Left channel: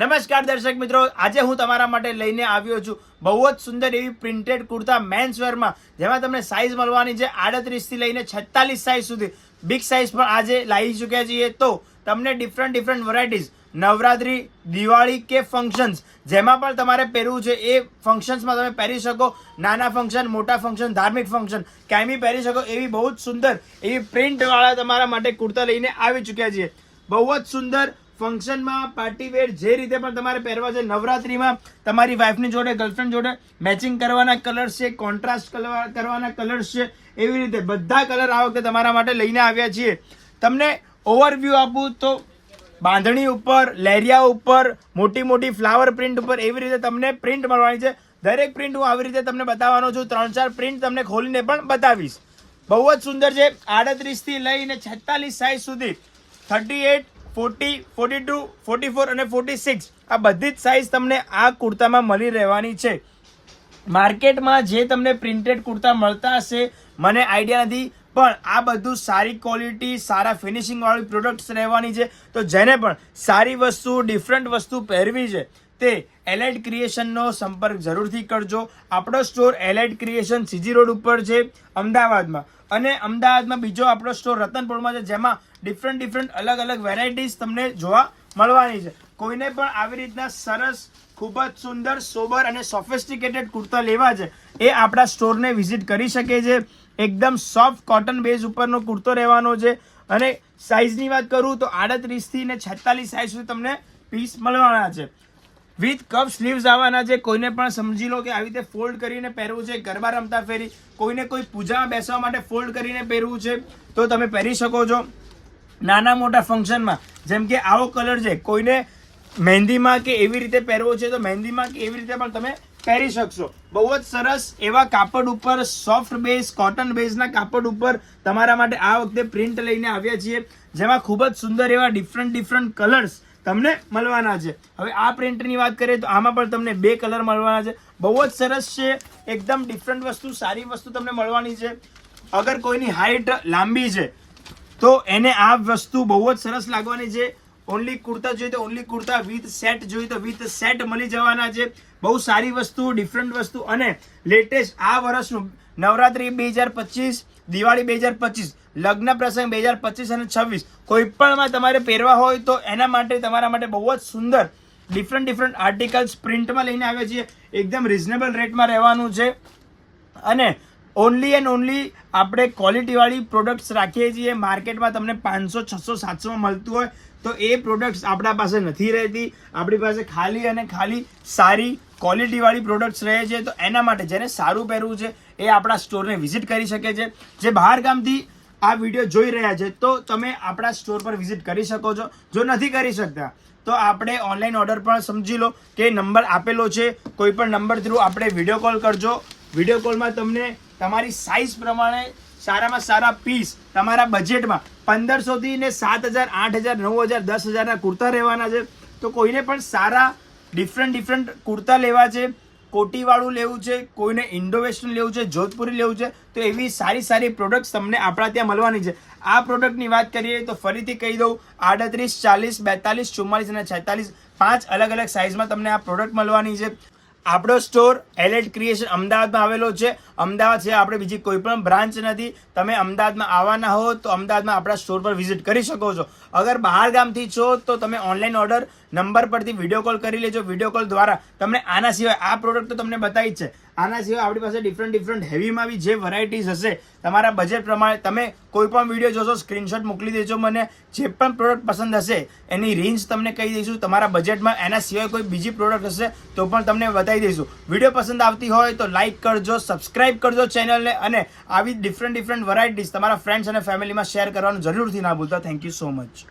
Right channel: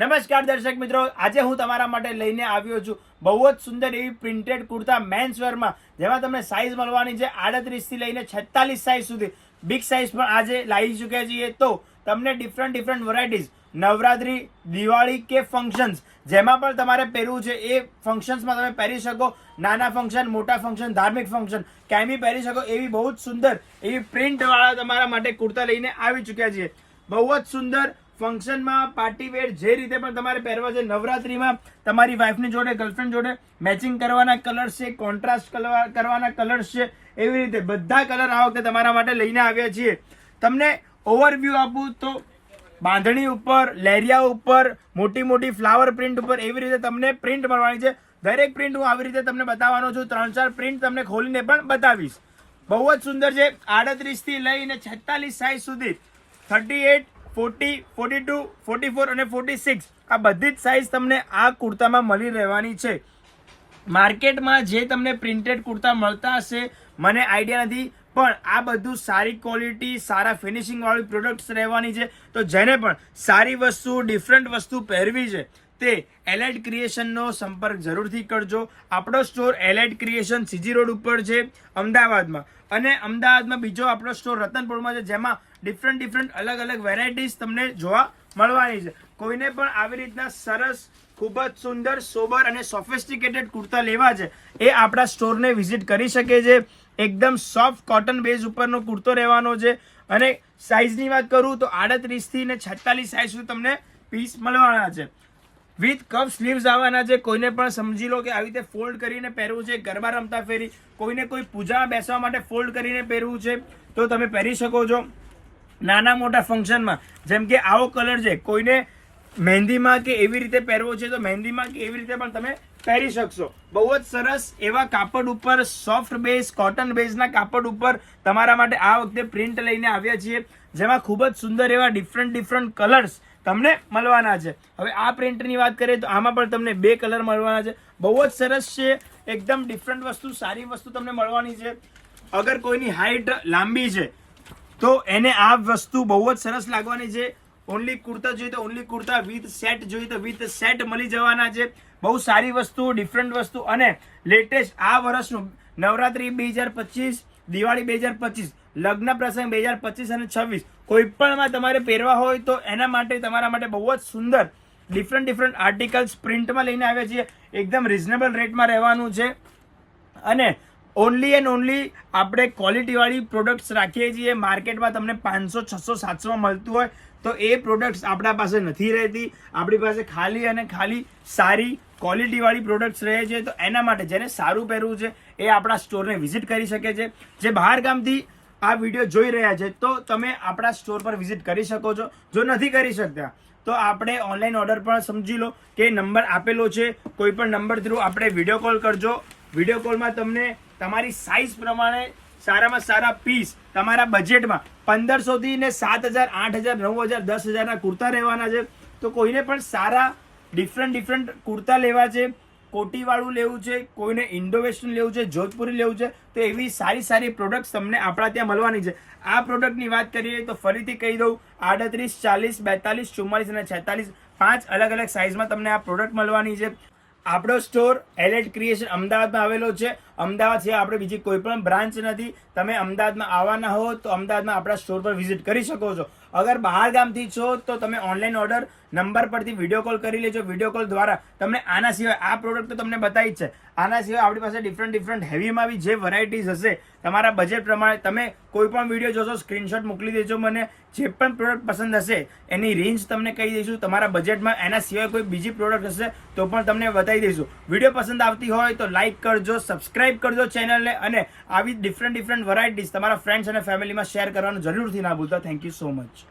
નમસ્કાર દર્શક મિત્રો, આજે હું તમારા માટે લઈને આવ્યો છું બહુ જ સુંદર એવી પ્રિન્ટેડ કુર્તા મેન્સ વેરમાં, જેમાં તમને સાઇઝ મળવાની છે 38 થી લઈને 46 સાઇઝ સુધી. બિગ સાઇઝ પણ આજે લાવી ચૂક્યા છીએ. તો તમને ડિફરન્ટ વેરાયટીઝ નવરાત્રી, દિવાળી કે ફંક્શન્સ જેમાં પણ તમારે પહેરવું છે એ ફંક્શન્સમાં તમે પહેરી શકો. નાના ફંક્શન, મોટા ફંક્શન, ધાર્મિક ફંક્શન ક્યાંય બી પહેરી શકો એવી બહુ જ સુંદર એવી પ્રિન્ટ વાળા તમારા માટે કુર્તા લઈને આવી ચૂક્યા છીએ. બહુ જ સુંદર ફંક્શનમાં, પાર્ટી વેર જે રીતે પણ તમારે પહેરવા છે, નવરાત્રીમાં તમારી વાઈફની જોડે, ગર્લફ્રેન્ડ જોડે મેચિંગ કરવાના કલર્સ છે, કોન્ટ્રાસ્ટ કરવાના કલર્સ છે, એવી રીતે બધા કલર આ વખતે તમારા માટે લઈને આવ્યા છીએ. તમને ઓવરવ્યૂ આપું તો બાંધણી ઉપર, લેરિયા ઉપર, મોટી ફ્લાવર પ્રિન્ટ ઉપર એવી રીતે તમને પ્રિન્ટ મળવાની છે. દરેક પ્રિન્ટ હું આવી રીતે તમને બતાવવાનો છું. 3-4 પ્રિન્ટ તમને ખોલીને પણ બતાવીશ. બહુ જ સુંદર છે. 38 થી લઈને 46 સાઇઝ સુધી, 38, 40, 42, 44 અને 46 આ બધી જ સાઇઝ તમને આ કુર્તામાં મળી રહેવાની છે. માર્કેટમાં જે તમને પ્રિન્ટેડ કુર્તા મળતા હશે મને આઈડિયા નથી, પણ આ બધું સારી ક્વોલિટી, સારા ફિનિશિંગ વાળી પ્રોડક્ટ્સ રહેવાની છે. તો જેને પણ સારી વસ્તુ, ડિફરન્ટ વસ્તુ પહેરવી છે તે એલાઇટ ક્રિએશનનો સંપર્ક જરૂરથી કરજો. આપણો store Alight creation CG road ઉપર છે અમદાવાદમાં, અને અમદાવાદમાં બીજો આપણો સ્ટોર રતનપુરમાં છે, જેમાં ડિફરન્ટ અલગ વેરાયટીઝ તમને જોવા મળવાની છે. કોઈને પણ આવી રીતના સરસ, ખૂબ જ સુંદર, સોબર અને સોફિસ્ટિકેટેડ કુર્તા લેવા છે એ આપણા સ્ટોરને વિઝિટ કરી શકે છે. એકદમ સોફ્ટ કોટન બેઝ ઉપરનો કુર્તો રહેવાનો છે. અને સાઇઝની વાત કરું તો 38 થી 46 સાઇઝ સુધી તમને પીસ મળવાના છે. વિથ કપ સ્લીવ્સ આવવાના છે. કોઈને પણ સમજી લો કે આવી રીતે ફોલ્ડ કરીને પહેરવું છે, ગરબા રમતા ફેરી, કોઈને કોઈ પૂજામાં બેસવા માટે ફોલ્ડ કરીને પહેરવું છે તો તમે પહેરી શકો છો. નાના મોટા ફંક્શનમાં, જેમ કે આવો કલર છે, કોઈને મહેંદીમાં કે એવી રીતે પહેરવો છે તો મહેંદીમાં કે એવી રીતે પણ તમે પહેરી શકશો. બહુ જ સરસ એવા કાપડ ઉપર, સોફ્ટ બેઝ, કોટન બેઝના કાપડ ઉપર તમારા માટે આ વખતે પ્રિન્ટ લઈને આવ્યા છીએ, જેમાં ખૂબ જ સુંદર એવા ડિફરન્ટ કલર્સ તમને મળવાના છે. હવે આ પ્રિન્ટની વાત કરીએ તો આમાં પણ તમને 2 કલર મળવાના છે. બહુ જ સરસ છે. એકદમ ડિફરન્ટ વસ્તુ, સારી વસ્તુ તમને મળવાની છે. અગર કોઈની હાઈટ લાંબી છે તો એને આ વસ્તુ બહુ જ સરસ લાગવાની છે. ઓનલી કુર્તા જોઈએ તો ઓનલી કુર્તા, વિથ સેટ જોઈએ તો વિથ સેટ મળી જવાના છે. બહુ સારી વસ્તુ, ડિફરન્ટ વસ્તુ, અને લેટેસ્ટ આ વર્ષનું નવરાત્રી 2025, દિવાળી 2025, લગ્ન પ્રસંગ 2025 અને 26 કોઈ પણમાં તમારે પહેરવા હોય તો એના માટે તમારા માટે બહુ જ સુંદર ડિફરન્ટ આર્ટિકલ્સ પ્રિન્ટમાં લઈને આવ્યા છીએ. એકદમ રિઝનેબલ રેટમાં રહેવાનું છે. અને ઓનલી એન્ડ ઓનલી આપણે ક્વોલિટીવાળી પ્રોડક્ટ્સ રાખીએ છીએ. માર્કેટમાં તમને 500, 600, 700માં મળતું હોય તો એ પ્રોડક્ટ્સ આપણા પાસે નથી રહેતી. આપણી પાસે ખાલી અને ખાલી સારી ક્વોલિટીવાળી પ્રોડક્ટ્સ રહે છે. તો એના માટે જેને સારું પહેરવું છે એ આપણા સ્ટોરને વિઝિટ કરી શકે છે. જે બહાર ગામથી આ વિડીયો જોઈ રહ્યા છે તો તમે આપણા સ્ટોર પર વિઝિટ કરી શકો છો. જો નથી કરી શકતા તો આપણે ઓનલાઈન ઓર્ડર પણ સમજી લો કે નંબર આપેલો છે, કોઈ પણ નંબર થ્રુ આપણે વિડીયો કોલ કરજો. વિડીયો કોલમાં તમને તમારી સાઇઝ પ્રમાણે સારામાં સારા પીસ તમારા બજેટમાં 1500 થી 7000, 8000, 9000, 10000 કુર્તા રહેવાના છે. તો કોઈને પણ સારા ડિફરન્ટ કુર્તા લેવા છે, કોટીવાળું લેવું છે, કોઈને ઇન્ડો વેસ્ટર્ન લેવું છે, જોધપુરી લેવું છે, તો એવી સારી પ્રોડક્ટ્સ તમને આપણા ત્યાં મળવાની છે. આ પ્રોડક્ટની વાત કરીએ તો ફરીથી કહી દઉં, 38, 40, 42, 44 અને 46 5 અલગ સાઇઝમાં તમને આ પ્રોડક્ટ મળવાની છે. આપણો સ્ટોર એલાઇટ ક્રિએશન અમદાવાદમાં આવેલો છે. અમદાવાદ છે, આપણે બીજી કોઈ પણ બ્રાન્ચ નથી. તમે અમદાવાદમાં આવવાના હો તો અમદાવાદમાં આપણા સ્ટોર પર વિઝિટ કરી શકો છો. અગર બહાર ગામથી છો તો તમે ઓનલાઈન ઓર્ડર નંબર પરથી વિડીયો કોલ કરી લેજો. વિડીયો કોલ દ્વારા તમને આના સિવાય આ પ્રોડક્ટ તો તમને બતાવી જ છે, આના સિવાય આપણી પાસે ડિફરન્ટ હેવીમાં બી જે વેરાયટીઝ હશે તમારા બજેટ પ્રમાણે તમે કોઈ પણ વિડીયો જોશો, સ્ક્રીનશોટ મોકલી દેજો મને. જે પણ પ્રોડક્ટ પસંદ હશે એની રેન્જ તમને કહી દઈશું. તમારા બજેટમાં એના સિવાય કોઈ બીજી પ્રોડક્ટ હશે તો પણ તમને બતાવી દઈશું. વિડીયો પસંદ આવતી હોય તો લાઇક કરજો, સબસ્ક્રાઇબ કરજો ચેનલને, અને આવી ડિફરન્ટ વેરાયટીઝ તમારા ફ્રેન્ડ્સ અને ફેમિલીમાં શેર કરવાનું જરૂરથી ના ભૂલતા. Thank you so much.